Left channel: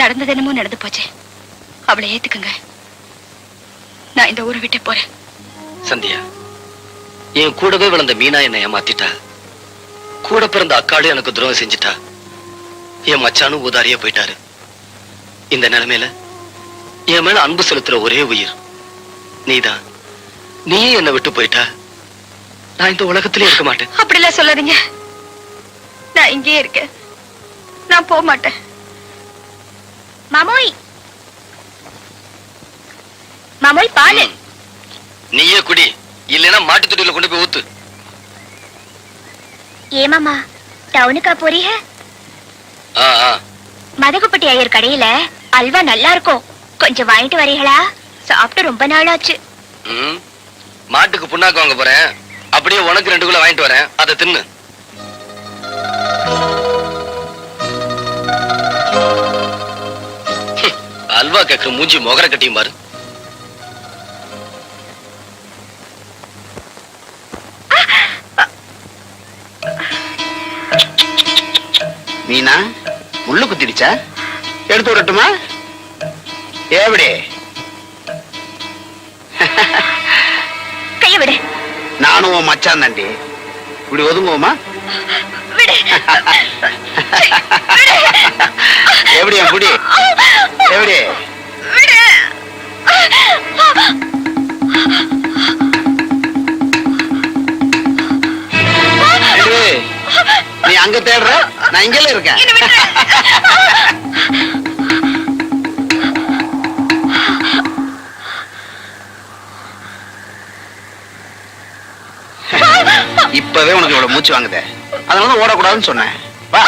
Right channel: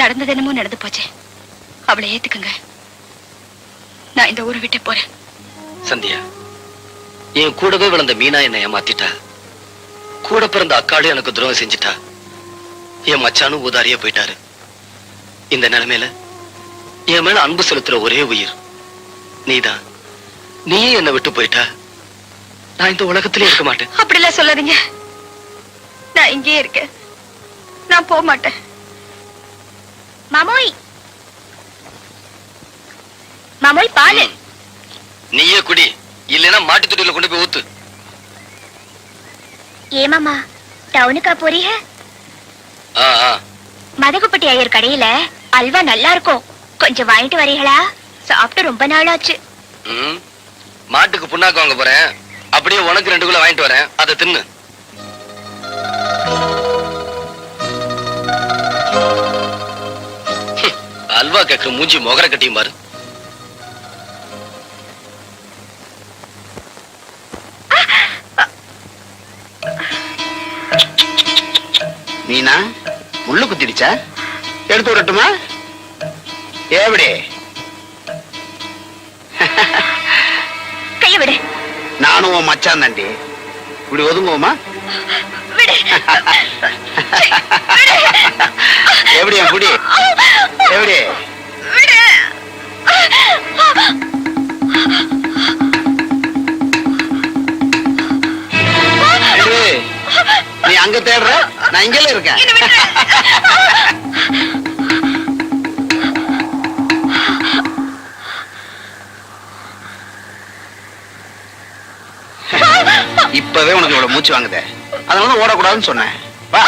நடந்தது என்னமோ நடந்து போச்சு. அவளை ஏத்துக்குங்க. நான் இந்த ஊரை விட்டு போறேன். சந்தியா, என் கூடவே வளர்ந்த மீனா என்னை ஏமாத்திட்டா. கூட பிறந்த அக்காளும் எனக்கு துரோகம் செஞ்சுட்டா. என் மச்சானும் ஊதாரியா போயிட்டாரு. இந்த நிலைமையில என் மேல அன்பு செலுத்துற ஒரே உயிர் நீதான். நீயே என்னை விட்டு போயிட்டா நான் இந்த உலகத்திலே இருக்க மாட்டேன். அப்படிலாம் சொல்லாதீங்க. நான் இங்கேயே இருக்கேன். நான் போக மாட்டேன். மாமோய், மாமோய் பாலு. நீயே குடி, இல்லைன்னா மாட்டு தொட்டியில கொண்டு போய் ஊத்து. ஏமாமா டவுனுக்கா போறீங்க? மதகுப்பட்டி ஐயர் கடையில அல்வா நல்லா இருக்கும், கொஞ்சம் வாங்கிட்டு வரீங்களா? சாப்பிட்டு ரொம்ப நாள் ஆச்சு. மாட்டுக்கு புண்ணாக்கு வாங்க போறேன், அப்படியே உனக்கு 2 கிலோ வாங்கிட்டு வரேன், அதை தின்னு. அல்வா கேக்குற மூஞ்சி மொகர கட்டியும் பாரு. மீனா முள்ளு குத்திடுச்சா? எடுத்து விடட்டுமா? எப்படி? கைய விடு. நானும் உன் மச்சான் தாண்டி. இப்படி ஒதுங்குவோமா? எப்படி என் குடி? எப்படி? நீ அங்க தேடுற, நான் இங்கல இருக்கேன். இப்பவே உனக்கு இவ்வளவு மூச்சு வாங்குதே, அதனால ஓடக்கூடாதுன்னு சொன்னேன். வா.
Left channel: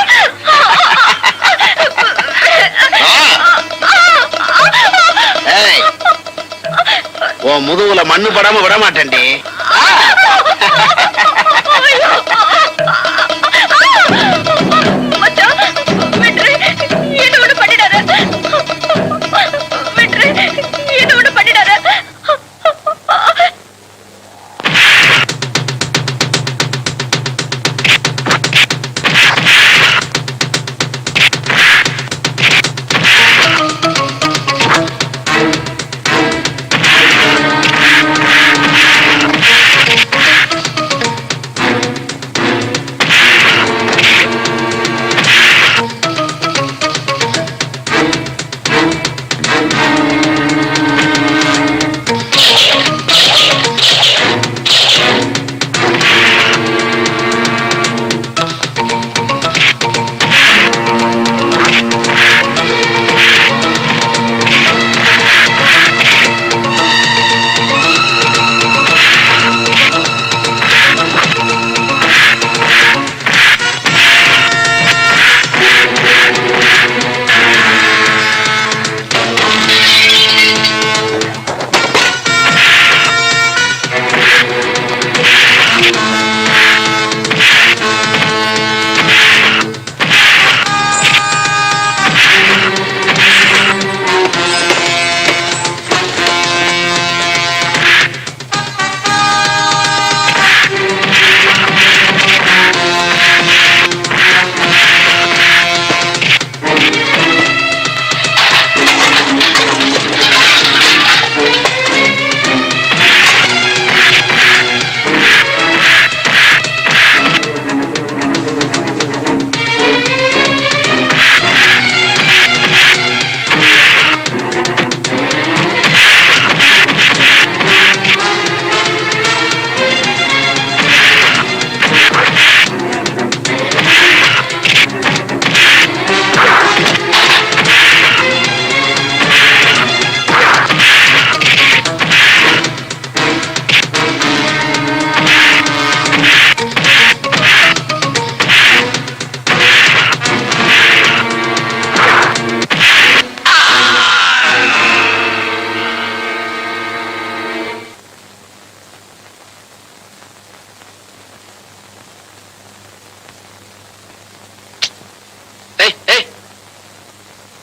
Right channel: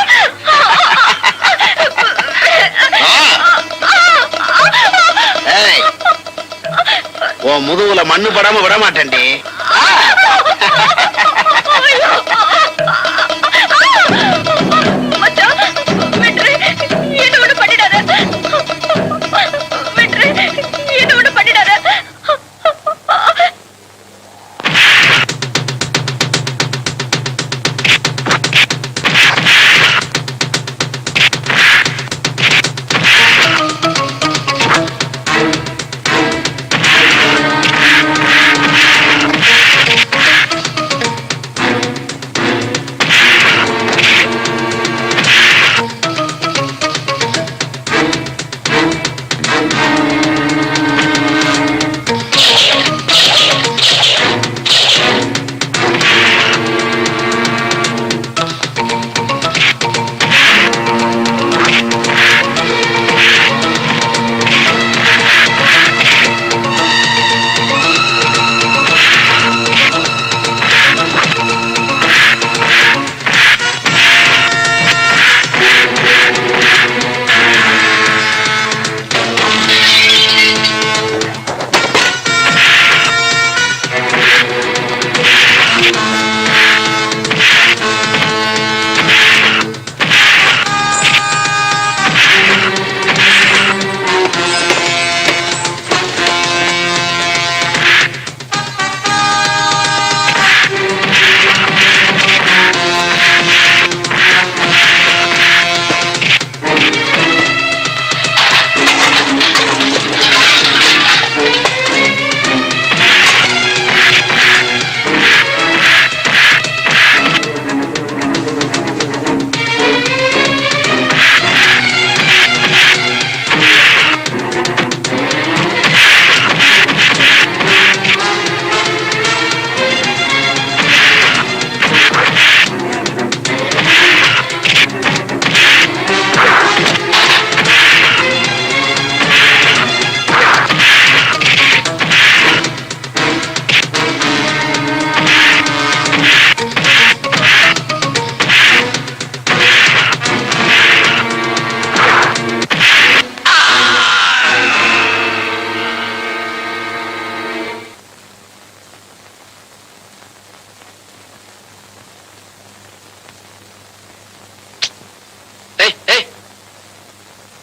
ஏய், உன் முதுகுல மண்ணு படாம விட மாட்டேன்டி.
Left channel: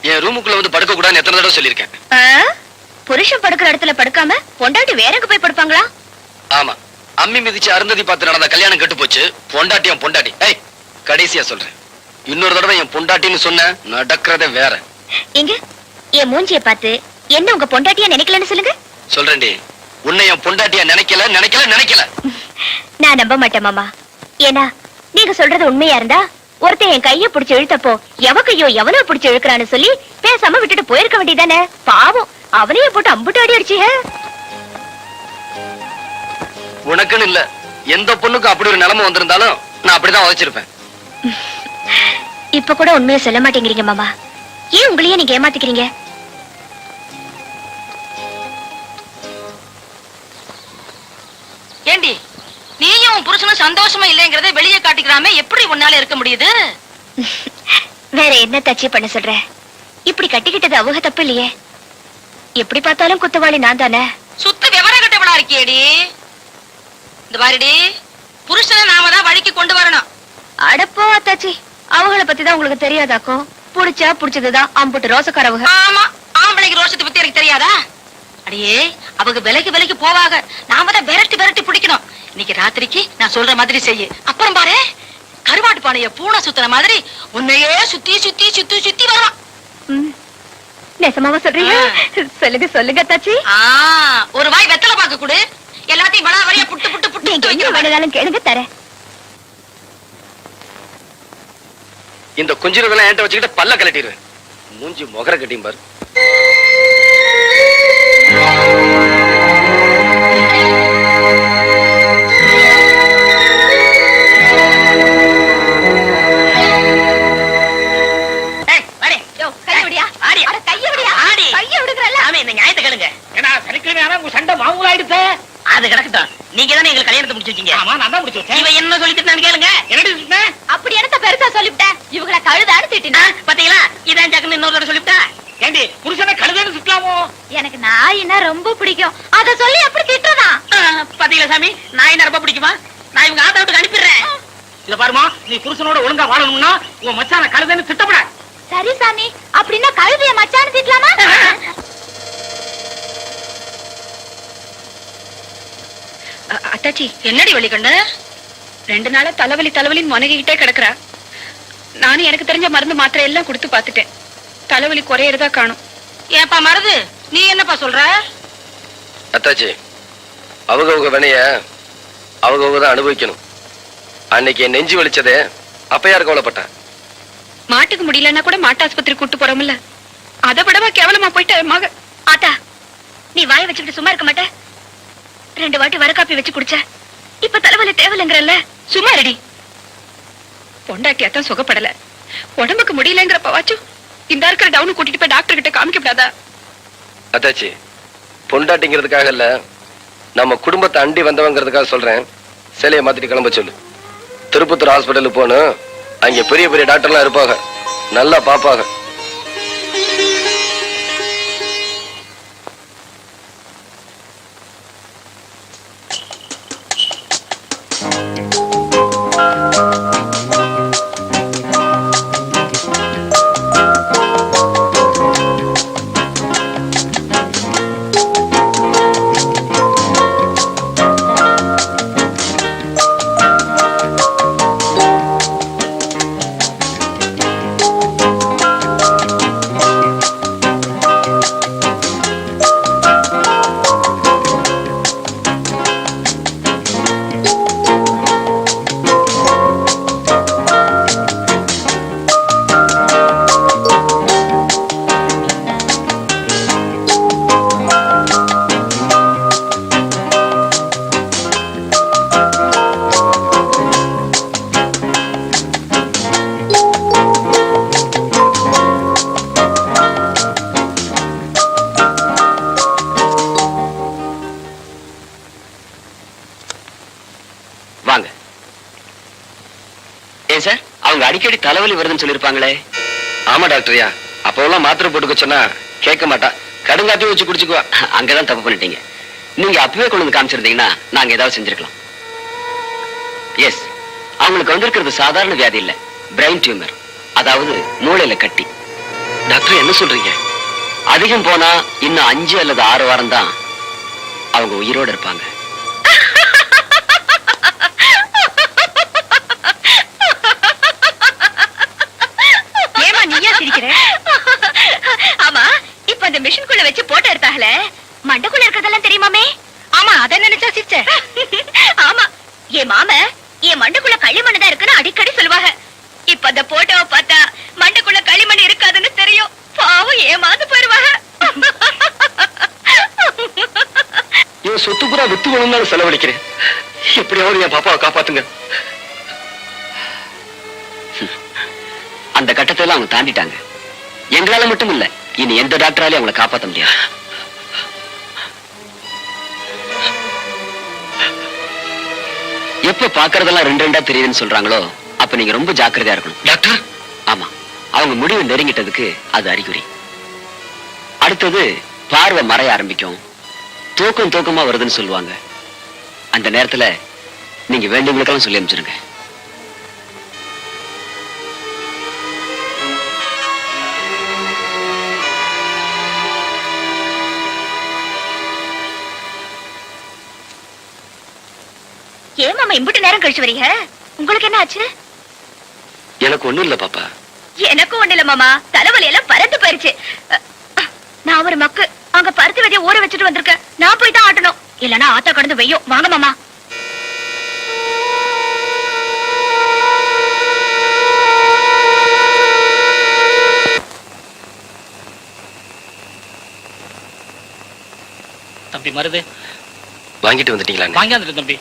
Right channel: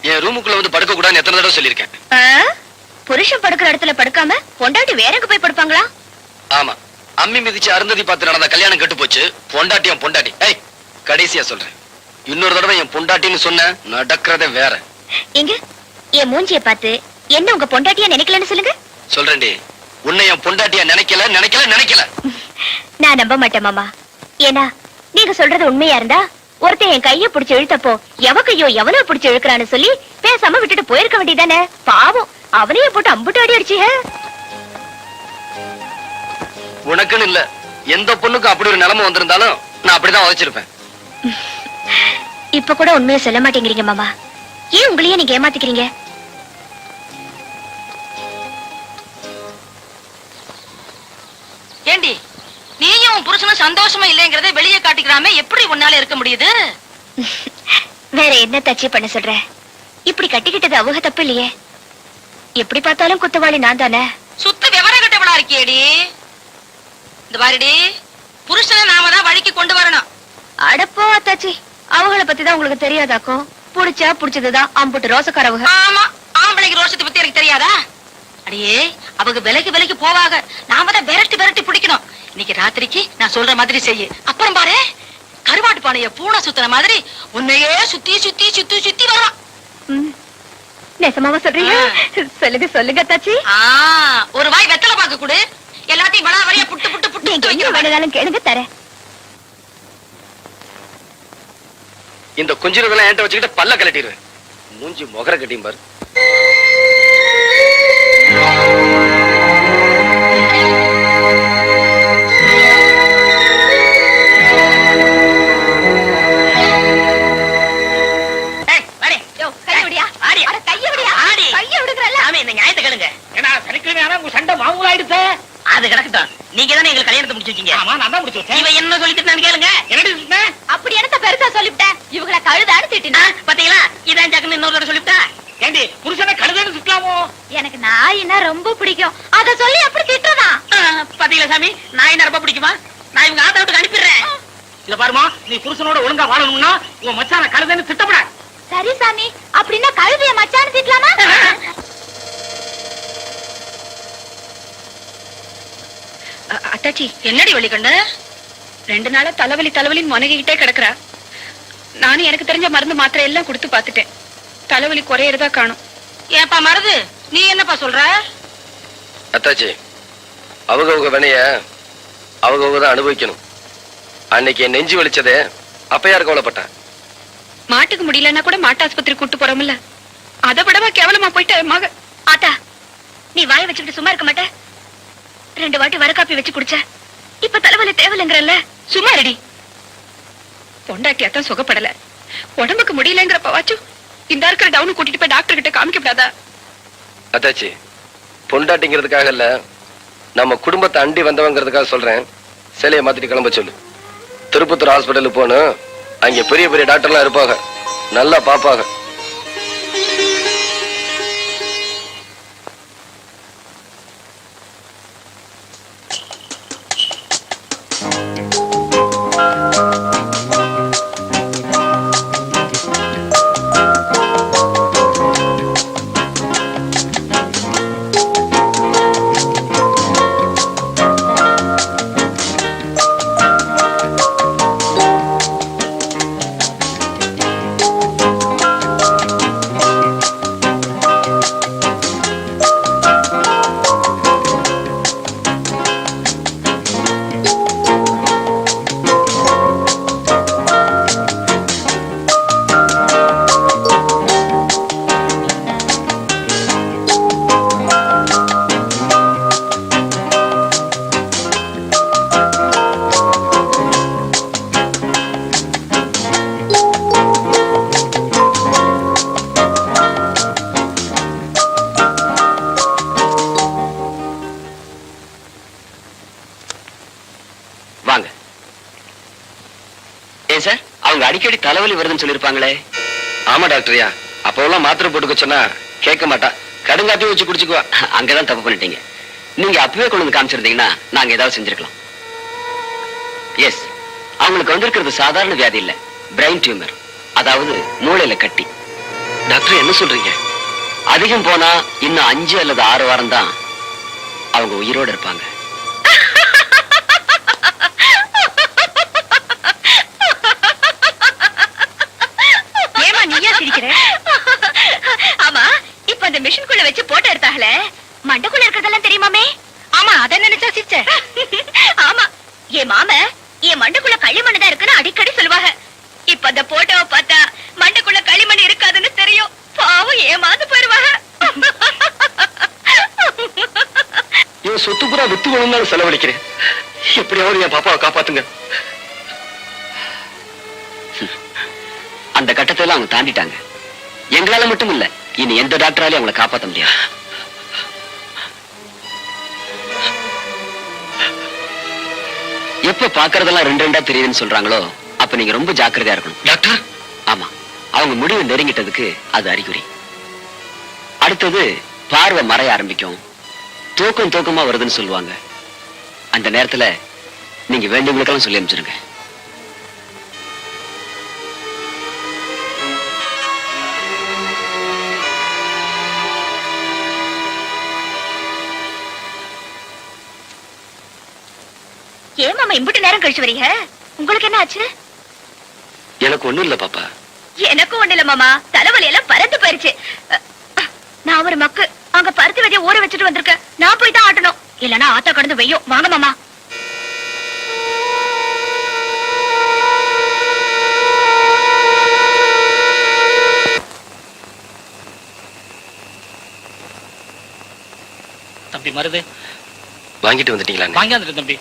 என் ரூமுக்குள்ள வந்து படுக்க கூடாதுன்னு எத்தனை தடவை சொல்லிருக்கேன். புருஷன் படுக்கிற இடத்துல படுக்காம பொண்டாட்டி வேற எங்க போய் படுப்பாங்களா? ஆமா, அம்மி மிதிச்சு அருந்ததி பார்த்து நடந்த கல்யாணம் கெட்டு போச்சு. பொண்டாட்டி என் பொண்டாட்டி. கடைசியா சொல்றேன், இன்னொரு தடவை என் பொண்டாட்டின்னு சொன்ன நடக்கிறதே வேற. எங்க என் மூஞ்சிய பார்த்து என்ன உங்க பொண்டாட்டியா நினைக்கலன்னு சொல்லுங்க. சொல்றேன்டி, உன்னை என் பொண்டாட்டியா நினைக்கல நினைக்கல நினைக்கல. நான் நம்ப மாட்டேன் மாமா. ஏன்னா நீங்க சொல்றது உண்மையா இருந்தா ஒருத்தன் என் கைய புடிச்சு இழுத்தப்போ எவக்கையோ எவனோ புடிச்சு இழுக்கிறான்னு சொல்லி பேசாம விட்டுட்டு போயிருக்க வேண்டியதானே. பாவம், அவனையே போட்டு அம்புட்டு அடி அடிச்சீங்க. உனக்குன்னு இல்ல, எந்த பொண்ணுக்கும் அப்படி ஒரு நிலைமை வந்திருந்தாலும் நான் அப்படிதான் உழைச்சிருப்பேன். இப்ப கூட உண்மையை சொல்ல மாட்டேங்கிறீங்க மாமா. ஏன் உங்களையே நீங்க ஏமாத்திக்கிறீங்க? ஏண்டி, நீயும் புருஷனும் சந்தோஷமா இல்லைங்கறத வெளியே காட்டிக்கிறாம எப்படி உன்னால இருக்க முடியுது? வேற என்ன தச்சு பண்ண சொல்ற? இப்படி கட்டிக்கிட்டது அவங்க தப்பு இல்லையே. எப்படி பார்த்தாலும் குத்தவாளி நான் தானே. சுத்த விவரம் கட்டவளா இருக்கியேடி. இந்த பாருடி, புருஷனை நாம தான் வழிக்கு கொண்டு வரணும். அடப்போ அத்தாச்சி, அவங்கள பத்தி தான் உங்களுக்கு தெரியாதாக்கும். புடிச்சா புடிச்சதுதான் அம்புட்டு ரோசக்காரவங்க. ஆமா, ஆம்பளைக்கு ரோஷத்தை பத்தி எனக்கு தெரியாதா? அடியே, அவங்க விலைக்கு போவாங்க. நாம தான் விரட்டி பிடிக்கணும். இன்னைக்கு ராத்திரிக்கு நான் சொல்ற மாதிரி செய்யு. அப்புறம் பாரு, கருவாட்டு பானைய பூனை சுத்துற மாதிரி உன்னையே சுத்தி வரும். நெசமாவா சொல்றீங்க? சொல்லுங்க சொல்லுங்க அத்தாச்சி. ஒரு வாய் வெத்தலை பாக்க கொடு. எல்லாத்தையும் வள வழியா புட்டு நீங்க என்ன வேணாலும் கேளுங்க, தரேன். இந்த குஞ்சிரதெல்லாம் என்கிட்ட வச்சுக்கிட்டு பல்ல கலட்டிடுவேன். மூஞ்சி முகர கட்டியும் பாரு. அது கிடக்கட்டும். நீங்க தானே எங்களுக்கு கல்யாணத்தை முடிச்சிருக்கீங்க. ஆமா, நான் தான் முடிச்சிருக்கேன். இவன் என்ன சொல்லிட்டு கேளுங்க. என்ன அப்படி எனக்கு பெருசா சொல்லிவிட்டேன். இவங்கள கழுதான்னு திட்டினா பாத்தீங்களா? இதான் ஜாக்குன்னு இன்னொரு சொல்லிவிட்டா. ஏண்டி, புருஷனை கழுதான்னு திட்டலாமோ? எனக்கு நாயினா ரொம்ப பிடிக்கும். அத சொல்லி அப்படி திட்டுறதா? பாத்தீங்களா சாமி, நாயினா ரொம்ப பிடிக்குமா? நான் இவங்க ஆத்த விட்டு அனுப்பிடுறேன். இத பாருமா, நீ புருஷனோட ஒழுங்கா வாழணும்னா உன் மச்சான கழுதான்னு திட்டப்பட. சரி சாமி, அப்படின்னா கழுதைய மச்சான்னு திட்டலாமா? அத்தாச்சி, என்னடி வழி கண்ணு? 2 நாளா தலைவலின்னு முனகிக்கிட்டே கிடக்குறா. நானும் எனக்கு தெரிஞ்ச மருந்து மாத்திரை எல்லாம் கொடுத்து பாத்துட்டேன். தலைவலி குறையறதா காணும். ஏப்பா மருது, நீ என்னப்பா சொல்ற? அத்தாச்சி, அவங்க வினைய அவங்க தான் அனுபவிக்கணும். அன்னைக்கு நெஞ்சு வலிச்சதே அப்ப யாரு கவலைப்பட்டேன்? மாட்டுக்கு முடியலன்னா கூட மாட்டு ஆஸ்பத்திரி கூட்டு போறோம்ல, அதை விடவா கேவலமா போயிட்ட மக. ஆத்தா, நீ வாய வச்சுக்கிட்டு சும்மா இருக்க மாட்ட? 2 வாட்டி வரக்காப்பி வச்சு குடிச்ச. இப்ப தலைவலி தேவலைங்கிறல்ல, சும்மா ரெடி. பொண்டாட்டியாத்தான் சுகப்படல, உடம்புக்கு முடியலங்கிறப்பவாச்சும் இந்த இருக்கிற டவுன் கூட்டிட்டு போய் டாக்டர் கிட்ட காமிக்கப்படாதா? அத்தாச்சி, பொண்டாட்டிங்கிறதுக்காக இல்ல, நம்ம குடும்பத்தை அண்டி வந்தவங்கிறதுக்காக சொல்றேன். சிலையை மாத்திட்டு கிளம்ப சொல்லு. திருப்பத்தூர் ஹாஸ்பிட்டலுக்கு போகணும். அங்க பெரிய பெரிய டாக்டர்லாம் இருப்பாங்க, நல்லா பாப்பாங்க. வாங்க. ஏன் சார், அவங்க அடிக்கடி தலைவலி வருதுன்னு சொல்லிருப்பாங்களே? ஆமா டாக்டரியா, அப்பெல்லாம் மாத்திரை போட்டுக்க சொன்னா கேட்க மாட்டா, கடுங்காப்பி வச்சு குடிச்சுக்குவா. அங்கதான் தப்பு பண்ணிட்டீங்க. நீங்க அப்பவே கொண்டு வந்து காமிச்சிருந்தீங்கன்னா நாங்க ஏதாவது செஞ்சிருக்கலாம். எஸ், அவங்களுக்கு வந்திருக்கிறது சாதாரண வியாதி இல்ல, பிரெயின் டியூமர், அதாவது மூளையில கட்டி. டாக்டர் என்ன சொல்றீங்க? அதிகம் போனா இன்னும் 5 அல்லது 6 வாரம் தான் அவங்க உயிரோட இருப்பாங்க. ஏமா நீயா சிரிக்கிற? அந்த மிஷின்குள்ள வச்சு போட்டோ எடுத்தாங்களே, மண்டைக்குள்ள இருக்கிறதெல்லாம் தெரியுமாமே? ஆமா, அதை நினைச்சா சிச்ச. ஆமா, என் மாம என் மண்டைக்குள்ள களிமண் தான் இருக்குன்னு அடிக்கடி சொல்லுவாங்க. இப்ப அந்த போட்டோவை பார்த்தா மண்டைக்குள்ள களிமண் இருக்காதுன்னு தெரியும். பாவம் ஏமாந்து போயிருவாங்க. என் சொத்து பூரா வித்து வேணும்னாலும் செலவழிக்கிறேன். எப்படியாவது என் பாப்பாவை காப்பாத்துங்க. அந்த கட்டத்தை எல்லாம் அவங்க தாண்டிட்டாங்க. எங்களால மட்டும் இல்ல, இனி எந்த டாக்டராலையும் அவங்களை காப்பாற்ற முடியாது. எப்ப பாக்குறதெல்லாம் ரெண்டு ரெண்டா தெரியுதுன்னு சொல்றாங்களோ அப்ப நீங்க ரொம்ப ஜாக்கிரதையா இருக்கணும். டாக்டர், ஆமா, அவங்க முடிவு நெருங்கிட்டதுக்கு அது அறிகுறி. அடுத்தது பார்வை மறைய ஆரம்பிக்கும், தூக்கமா வருதுன்னு சொல்லுவாங்க. அந்த நேரத்துல நீங்க வேண்டியவங்களுக்கெல்லாம் சொல்லி அனுப்பிச்சிருங்க. ஏன் மாமா இம்புட்டு நேரம் கழிச்சு வரீங்க? உங்களுக்கு என்ன ஆச்சு? எனக்கு ஒண்ணும் இல்ல பாப்பா. எனக்கும் ஒண்ணு இல்ல மாமா, தலைவலி எல்லாம் பறந்து போயிருச்சு. நான் ஒரு மக்கு அங்க பருத்தி விதைய ஊற வச்சுட்டு வந்திருக்கேன். நான் போய் தான் ஆட்டணும், இல்லன்னா ஆத்தா கடந்து வெய்யும். வாங்க மாமா. தம்பி மருது வாங்கிட்டு வந்துட்டீங்களா? வாங்கியாந்துட்டு தம்பி.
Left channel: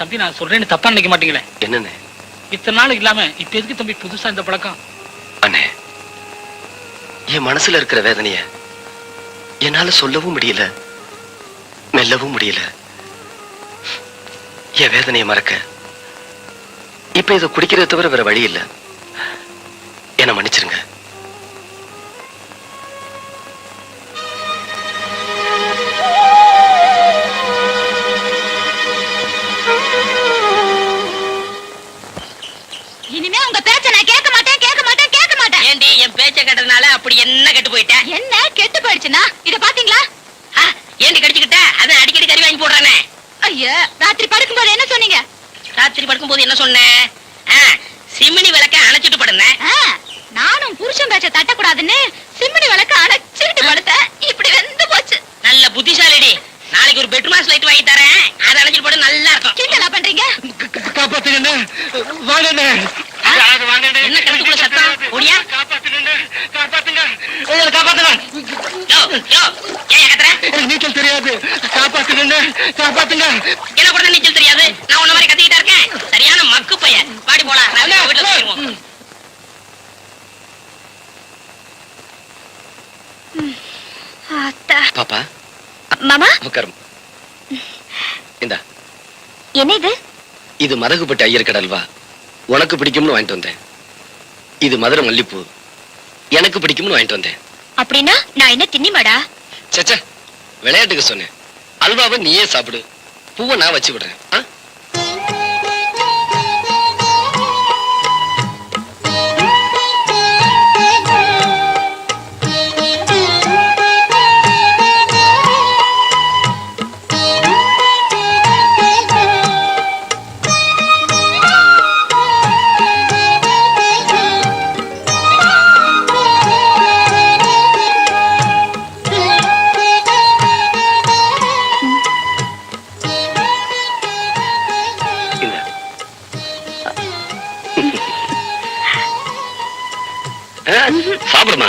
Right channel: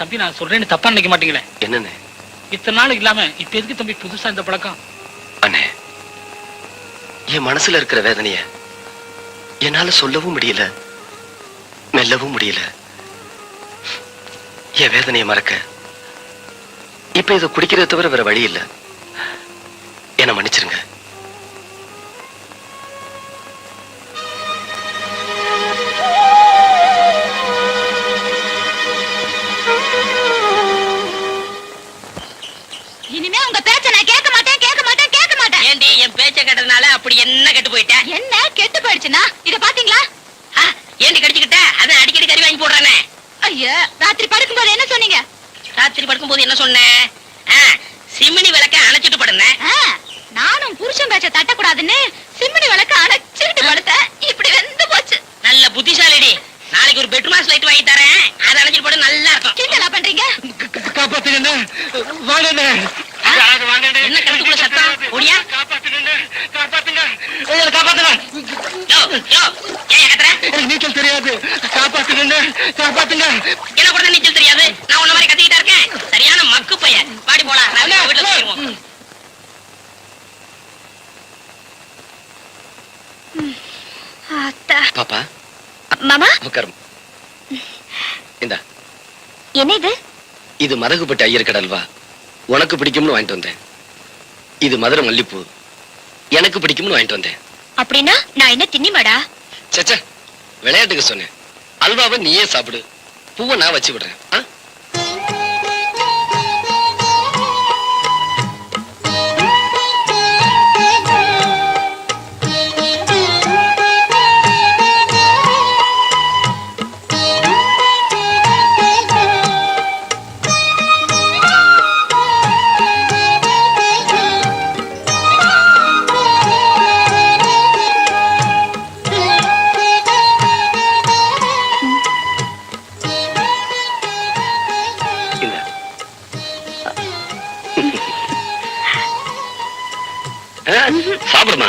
தம்பி நான் சொல்றேன்னு தப்பா நினைக்க மாட்டீங்களே? என்னன்னு? இத்தனை நாள் இல்லாம இப்ப எதுக்கு தம்பி புதுசா இந்த பழக்கம்? அண்ணே, என் மனசுல இருக்கிற வேதனைய என்னால சொல்லவும் முடியல, மெல்லவும் முடியல. என் வேதனையை மறக்க இப்ப இதை குடிக்கிறத தவிர வேற வழி இல்ல. என்ன மன்னிச்சிருங்க. இனிமே உங்க பேச்ச நான் கேட்க மாட்டேன். ஏண்டி என் பேச்ச கேட்டதுனால அப்படி என்ன கெட்டு போயிட்டேன்? என்ன கெட்டு போயிடுச்சுன்னா இத பாத்தீங்களா? ஏண்டி கடிச்சுக்கிட்ட? அதான் அடிக்கடி கறி வாங்கி போடுறானே. ஐயா, ராத்திரி படுக்கும்போது என்ன சொன்னீங்க? ராத்திரி படுக்கும்போது என்ன சொன்னேன்? சிமினி விளக்க அணைச்சிட்டு படுனேன். நானும் புருஷன் பேச்ச தட்டக்கூடாதுன்னு சிம்மினி விளக்க அணைச்சிட்டு படுத்தேன். இப்படி வெந்து போச்சு. நல்ல புத்திசாலிடி. நாளைக்கு ஒரு பெட்ரூம் லைட் வாங்கி தரேன், அதை அணைச்சிட்டு போட நல்லா இருக்கும். கிண்டலா பண்றீங்க? காப்பாத்துங்க, வாங்க. என்ன கணக்குள்ள சத்தம்? ஓடியா? காப்பாத்துங்க. யோ யோ, ஏன் கத்துற? நீச்சல் தெரியாது, காப்பாத்துங்க. என்ன கூட நீச்சல் தெரியாது? நான் உன்ன மாதிரி கத்திக்கிட்டா இருக்கேன். சரியான மக்கு பையன். பாடி போலாம், வீட்டுல போயிருவோம். அத்தா. பாப்பா, மாமா, உட்காரும். இந்தா, என்ன இது? இது மதகுப்பட்டு ஐயர் கடல்வா. உனக்கு பிடிக்கும்னு வாங்கிட்டு வந்தேன். இது மதுரை மல்லிப்பூ, எனக்கு பிடிக்கும்னு வாங்கிட்டு வந்தேன். அப்படின்னா நான் என்ன தின்னிமாடா? சச்சா, விளையாட்டுக்கு சொன்னேன். அல்வாவை நீயே சாப்பிடு, பூவை நான் வச்சு விடுறேன். சாப்பிடுமா?